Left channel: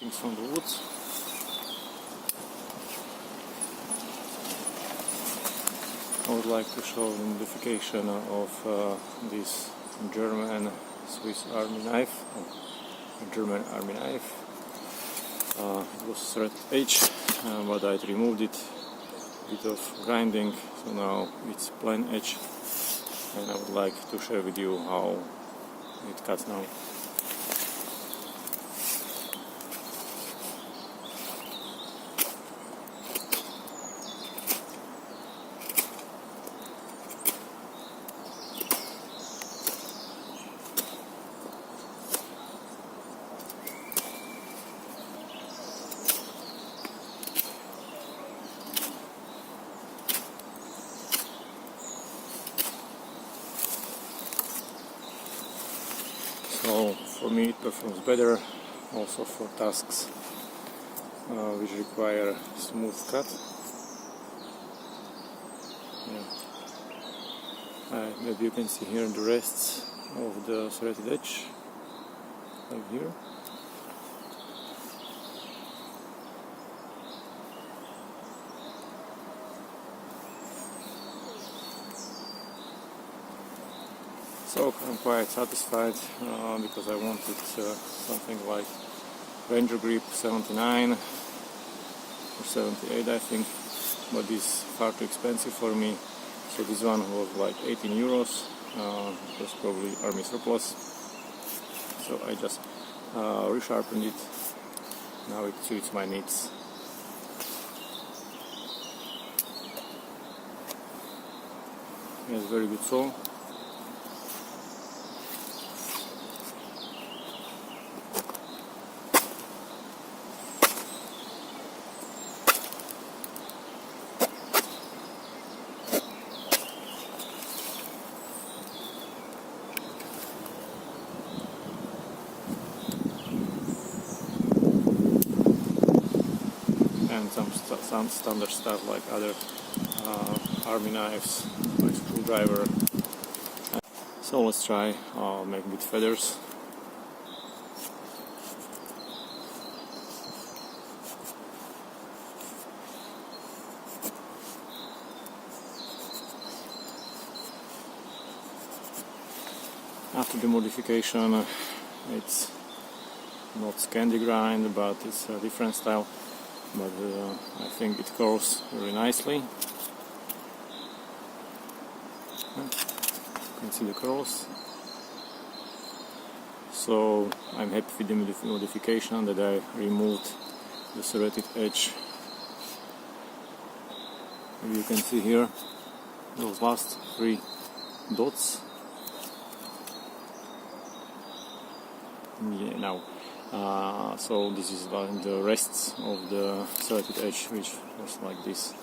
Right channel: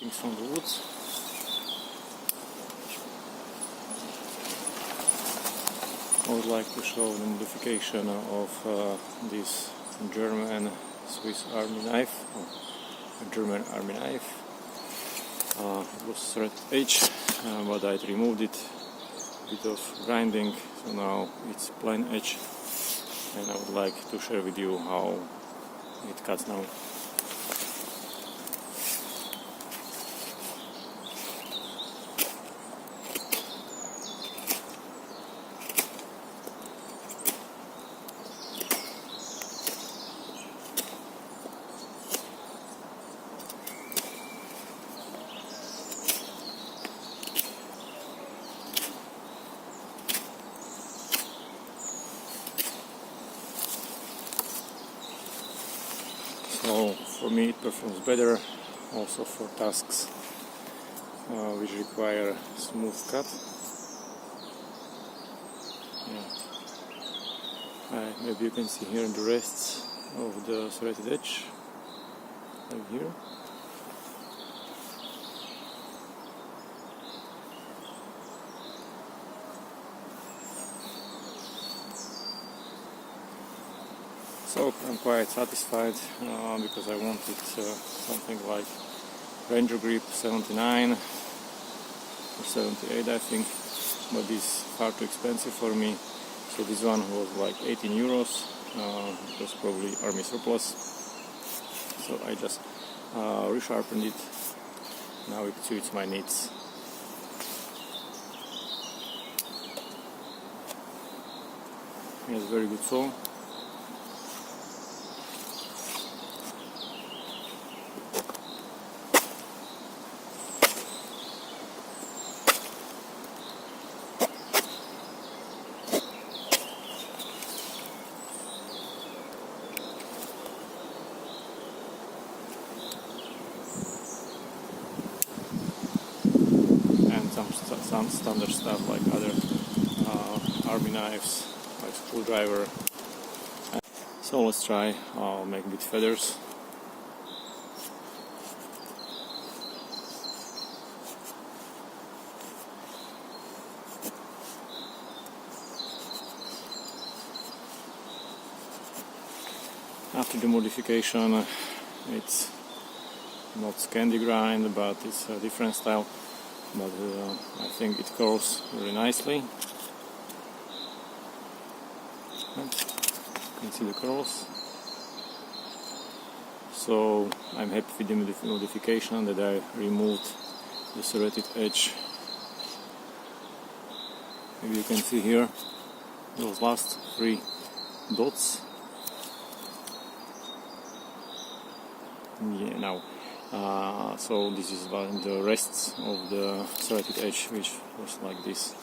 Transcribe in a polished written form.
things from the woods. I would like to show the modification of this German Swiss army knife, German army knife. It was serrated edge, but I removed it, a bit of grinding, so now it's plain edge, and I would like to share with you how it cuts now. So for me it performs better also for tasks which require smooth cut. Maybe you can see here the rests of the serrated edge, like here. So I'm quite satisfied because I wanted something like Rangergrip 79 or 78 I think, but this is far too expensive for me. So this one was like 18 euros, it was probably army surplus. So I just resharpened it, now it suits my needs. It has very good saw. Some standard stuff like other army knives, like screwdriver. So let's try making it feathers. After the modification, it's not candy grind, but it's a different style. But I think it curls very nicely. You can see the curls. So I'm happy with the modification that I removed the serrated edge. Maybe you can see here those last 3 dots. Yeah, now. So this is the rests of the serrated edge, which was like this.